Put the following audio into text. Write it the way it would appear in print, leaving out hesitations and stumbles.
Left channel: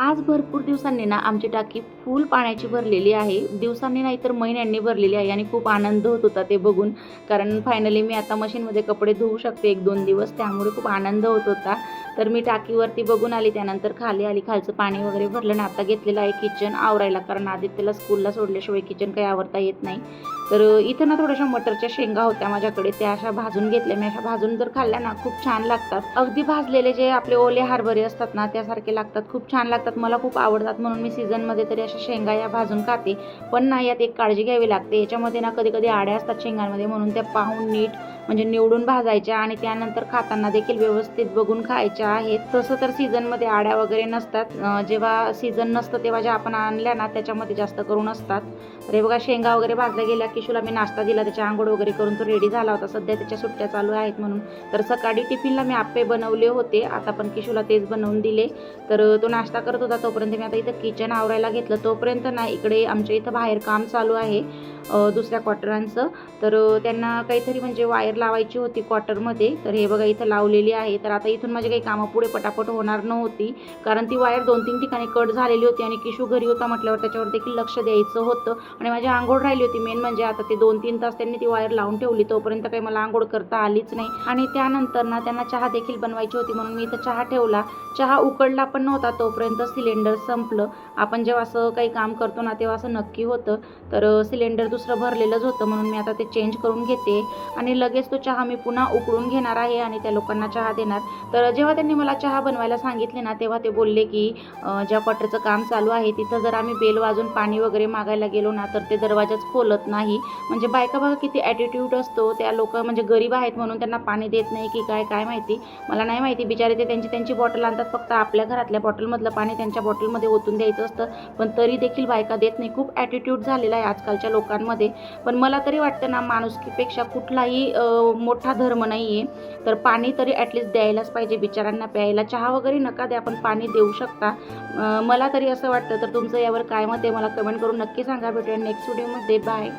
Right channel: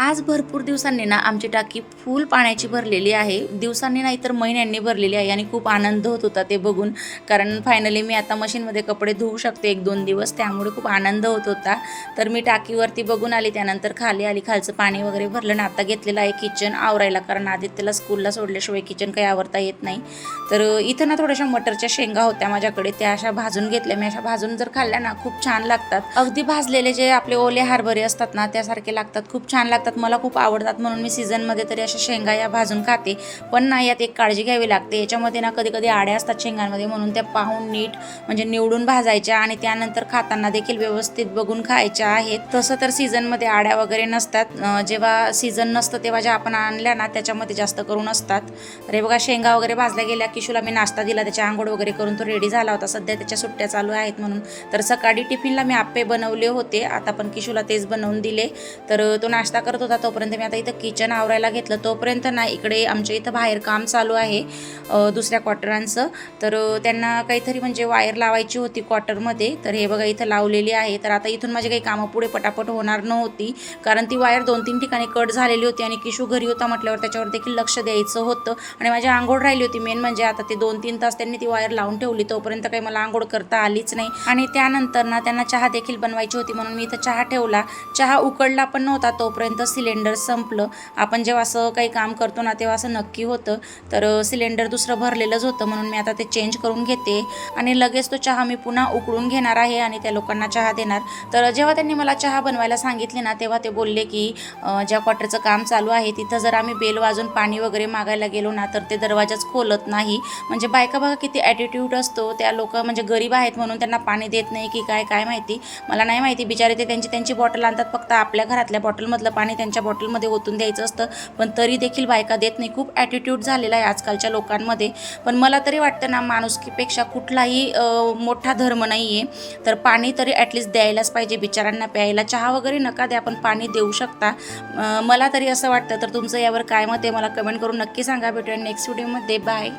आज भरपूर दिवसांनी ना आमची टाकी फुल पाण्याची भरलेली आहे. दिवसांनी नाही तर महिन्यांनी भरलेली आहे आणि खूप आनंद होत होता ते बघून. कारण फायनली मी आता मशीनमध्ये कपडे धुवू शकते 1-2 दिवस, त्यामुळे खूप आनंद होत होता. तर मी टाकीवरती बघून आली, त्यानंतर खाली आली, खालचं पाणी वगैरे भरलं ना. आता घेतलेलं आहे किचन आवरायला, कारण आदित्यला स्कूलला सोडल्याशिवाय किचन काही आवरता येत नाही. तर इथं ना थोड्याशा मटरच्या शेंगा होत्या माझ्याकडे, त्या अशा भाजून घेतल्या मी. अशा भाजून जर खाल्ल्या ना खूप छान लागतात. अगदी भाजलेले जे आपले ओले हरभरे असतात ना त्यासारखे लागतात, खूप छान लागतात, मला खूप आवडतात. म्हणून मी सीझनमध्ये तरी अशा शेंगा या भाजून खाते. पण नाही, यात एक काळजी घ्यावी लागते. याच्यामध्ये ना कधी कधी आड्या असतात शेंगांमध्ये, म्हणून त्या पाहून नीट म्हणजे निवडून भाजायच्या आणि त्यानंतर खाताना देखील व्यवस्थित बघून खायच्या आहेत. तसं तर सीझनमध्ये आड्या वगैरे नसतात. जेव्हा सीझन नसतं तेव्हा ज्या आपण आणल्या ना त्याच्यामध्ये जास्त करून असतात. तर हे बघा, शेंगा वगैरे भाजल्या गेल्या. किशूला मी नाश्ता दिला, त्याच्या आंघोळ वगैरे करून तो रेडी झाला होता. सध्या त्याच्या सुट्ट्या चालू आहेत म्हणून. तर सकाळी टिफिनला मी आप्पे बनवले होते, आता पण किशूला तेच बनवून दिले. तर तो नाश्ता करत होता, तोपर्यंत मी आता इथं किचन आवरायला घेतलं. तोपर्यंत ना इकडे आमच्या इथं बाहेर काम चालू आहे दुसऱ्या क्वार्टरांचं. तर त्यांना काहीतरी म्हणजे वायर लावायची होती क्वार्टरमध्ये. तर हे बघा इथं लावलेली आहे. तर आता इथून माझी काही कामं पुढे पटापट होणार नव्हती, कारण ती वायर 2-3 ठिकाणी कट झालेली होती आणि किशू घरी होता म्हटल्यावर त्याच्यावर देखील लक्ष द्यायचं होतं. आणि माझी आंघोळ राहिली होती मेन म्हणजे. आता ते 2-3 तास त्यांनी ती वायर लावून ठेवली, तोपर्यंत काही मला आंघोळ करता आलीच नाही. आणि त्यानंतर ना त्यांना चहा देखील बनवायची होती, म्हणून मी इथं चहा ठेवला. चहा उकळला पण नव्हता तोपर्यंत सिलेंडर संपलं. आपण जेव्हा असं काही काम करतो ना तेव्हा असं नक्की होतं. तर सिलेंडर दुसरं भरलेलंच होतं, म्हणून मी आता ते चेंज करून घेते आणि लगेच तो चहा मी पुन्हा उकळून घेणार आहे आणि त्या लोकांना चहा देणार. तर जेव्हा त्यांनी मला चहा बनवायला सांगितले ना तेव्हा ते बोलले की ज्या क्वार्टरचं काम चालू आहे तिथं जर आम्ही बेल वाजून पाणी वगैरे मागायला गेलो ना तर ते दरवाजाच खोलत नाही. म्हणजे बायका बघा किती ॲटिट्यूड असतो. त्या लोक म्हणजे गरीब आहेत म्हणून त्यांना पाणी देत नाही की काय माहिती, मला नाही माहिती. बिचारे ते त्यांची बॉटल आणतात, फक्त आपल्या घरातल्या बॉटलमधलं पाणी त्यांच्या बॉटलमध्ये ओतून द्यायचं असतं, पण तरी देखील बायका देत नाही. खूप ॲटिट्यूड झालेला आहे आजकालच्या लोकांमध्ये. पण मला तरी वाटतं ना माणुसकीपेक्षा कुठलाही मोठा धर्म नाही आहे. तर पाणी तरी ॲटलिस्ट द्यायलाच पाहिजे बिचारांना प्यायला. चहा वगैरे नका द्या, पण पाणी देऊ शकता. मला तरी असं वाटतं. तर तुमचं यावर काय मत आहे मला कमेंट करून नक्की सांगा. भेटूया नेक्स्ट व्हिडिओमध्ये. बाय.